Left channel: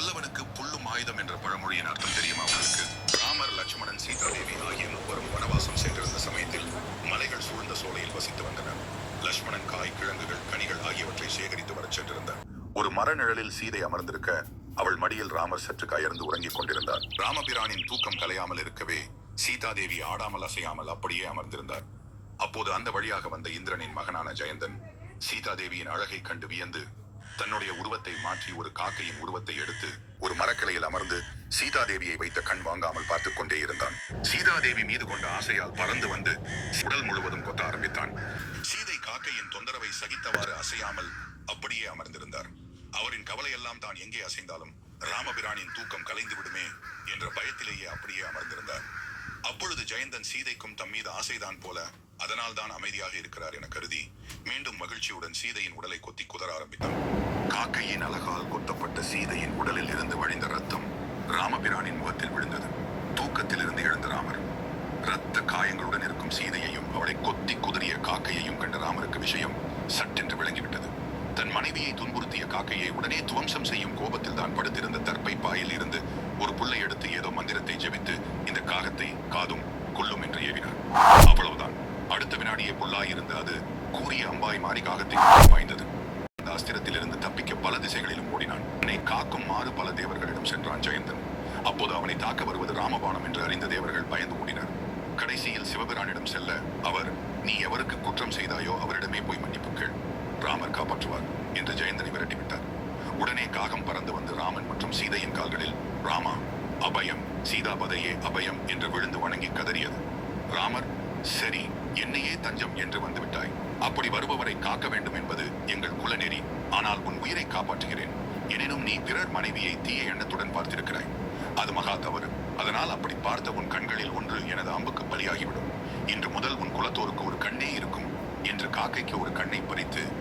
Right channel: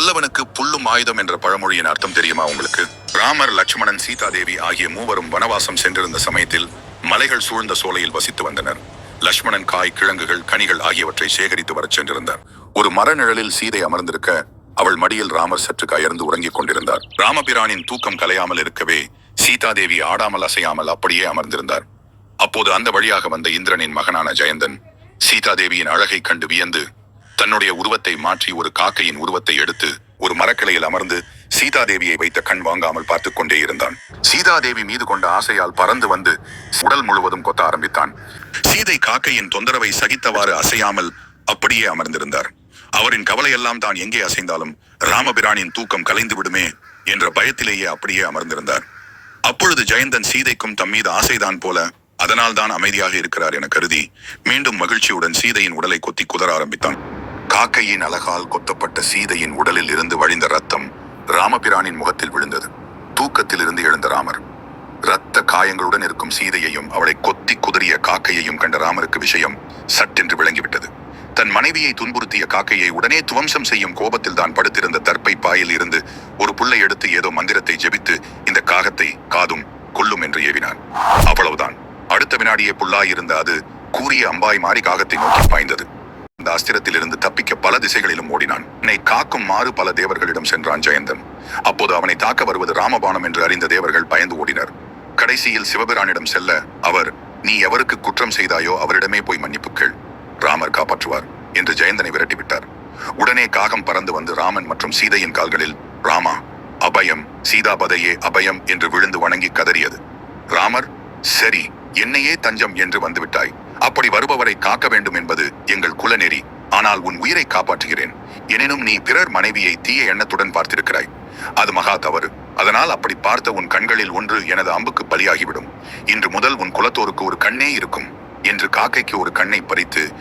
வல்லவனுக்கு புல்லும் ஆயுதம் என்ற பழமொழியின் அர்த்தம் தெரியுமா உங்களுக்கு? ராமர் லட்சுமணன் சீதா தேவி ஆகிய மூவரும் வனவாசம் சென்றிருந்த சமயத்தில் மலைகள் சூழ்ந்த சோலையில் வசித்து வந்தனர். லட்சுமணன் காய் கிழங்குகள் கனிகள் ஆகியவற்றை சேகரித்து வரச் சென்றிருந்தார். ஒரு மரநிழலில் சீதை அமர்ந்திருக்க அவள் மடியில் ராமர் சற்று கயர்ந்து உறங்கிக் கொண்டிருந்தார். ராமபிரானின் தூக்கம் கலையாமல் இருக்கவே சீதாதேவி ஆடாமல் அசையாமல் அப்படியே அமர்ந்திருந்தார். அப்போது அந்த வழியாக வந்த இந்திரனின் மகனான ஜெயந்தன் சீதாதேவியின் அழகை கண்டு வியந்து தன்னுடைய உருவத்தை மாற்றி ஒரு காக்கையின் உருவத்தை எடுத்து ஒரு மரக்கிளையில் அமர்ந்து சீதாதேவியை வைத்த கண் வாங்காமல் பார்த்துக் கொண்டே இருந்தான். சீதாதேவி மீது கொண்ட ஆசையால் பறந்து வந்து உடல் முழுவதும் கொத்த ஆரம்பித்தான். சீதை காக்கையின் தொந்தரவை சகித்தவாறு அசையாமல் அப்படியே அமர்ந்திருந்தார். அவரின் கவலையெல்லாம் தான் எங்கே அசைந்தாலும் ராமபிரானின் தூக்கம் கலைந்து விடுமே என்ற பயத்திலேயே அப்படியே அமர்ந்திருந்தார். அப்பொழுது ஜெயந்தன் சீதைக்கும் தம் மீது ஆசைதான் போல அதனால் தான் அமைதியாக இருக்கிறார் என கருதி மீண்டும் மகிழ்ச்சியுடன் சீதையின் உடலை கொத்தி குதற ஆரம்பித்தான். காக்கையின் அழகால் கொத்தப்பட்ட சீதையின் உடலில் இருந்து வழிந்த ரத்தம் ராமபிரானின் முகத்தில் விழுந்தது. தூக்கத்தில் இருந்து எழுந்த ராமர். இரத்த காயங்களுடன் இருக்கும் சீதையையும் அவளை கொத்தி குதறிய காக்கையையும் கண்ட ராமருக்கு விஷயம் சட்டென்று விளங்கிவிட்டது. தன் மனைவியை துன்புறுத்திய காக்கையை உடனே துவம்சம் செய்யும் கோபத்தில் தான் படுத்திருந்த தற்பை பாயில் இருந்து ஒரு புல்லை எடுத்து ஏதோ மந்திரத்தை ஜெபித்து இந்த காகத்தை காதும் கொல்லும் என்று ஏவினான். அவ்வளவுதான். அடுத்த வினாடியே புல்லாயிருந்த அது கூறிய அம்பாய் மாறி காகத்தை நோக்கி பாய்ந்தது. அந்த அஸ்திரத்திலிருந்து தப்பிக்க பல திசைகளிலும் ஓடினான். என்னை காக்கும் மாறு பல தேவர்களிடம் சென்றான் ஜெயந்தன். அப்போது அவனை தாக்க வருவது ராமபாணம் என்று அறிந்த தேவர்கள் பயந்து ஓடினர். கடைசியில் சிவபிரானிடம் செல்ல அவர் நீ எவருக்கு குற்றம் செய்தாயோ அவரிடமே போய் மன்னிப்பு கேள். ராமர் காப்பாற்றுவார் என்று ஜெயந்தனை விரட்டிவிட்டார். உடனே காகம் பறந்து வந்து ராமன் மற்றும் சீதையின் கால்களில் ராமா அபயம் சீதாபதையே அபயம் என்று விழுந்து வணங்கி கதறியது. ராமர் சரி என்னையே தஞ்சம் என்று வந்துவிட்டாய். அப்படி வருபவரை காக்க வேண்டும் என்பது எங்கள் குலநெறி ஆனால் உன் உயிரை காப்பாற்றுகிறேன். எனினும் நீ பிறர் மனைவியை தீய எண்ணத்துடன் பார்த்திருக்கிறாய். அது மகா தவறு. அதனால் அப்படி பார்த்த உன் கண்களில் ஒன்று எனது அம்புக்கு பலியாகிவிடும். இன்று முதல் உன் குலத்தோருக்கு ஒரு கண்ணே இருக்கும். என்று காக்கைக்கு ஒரு கண்ணை பறித்து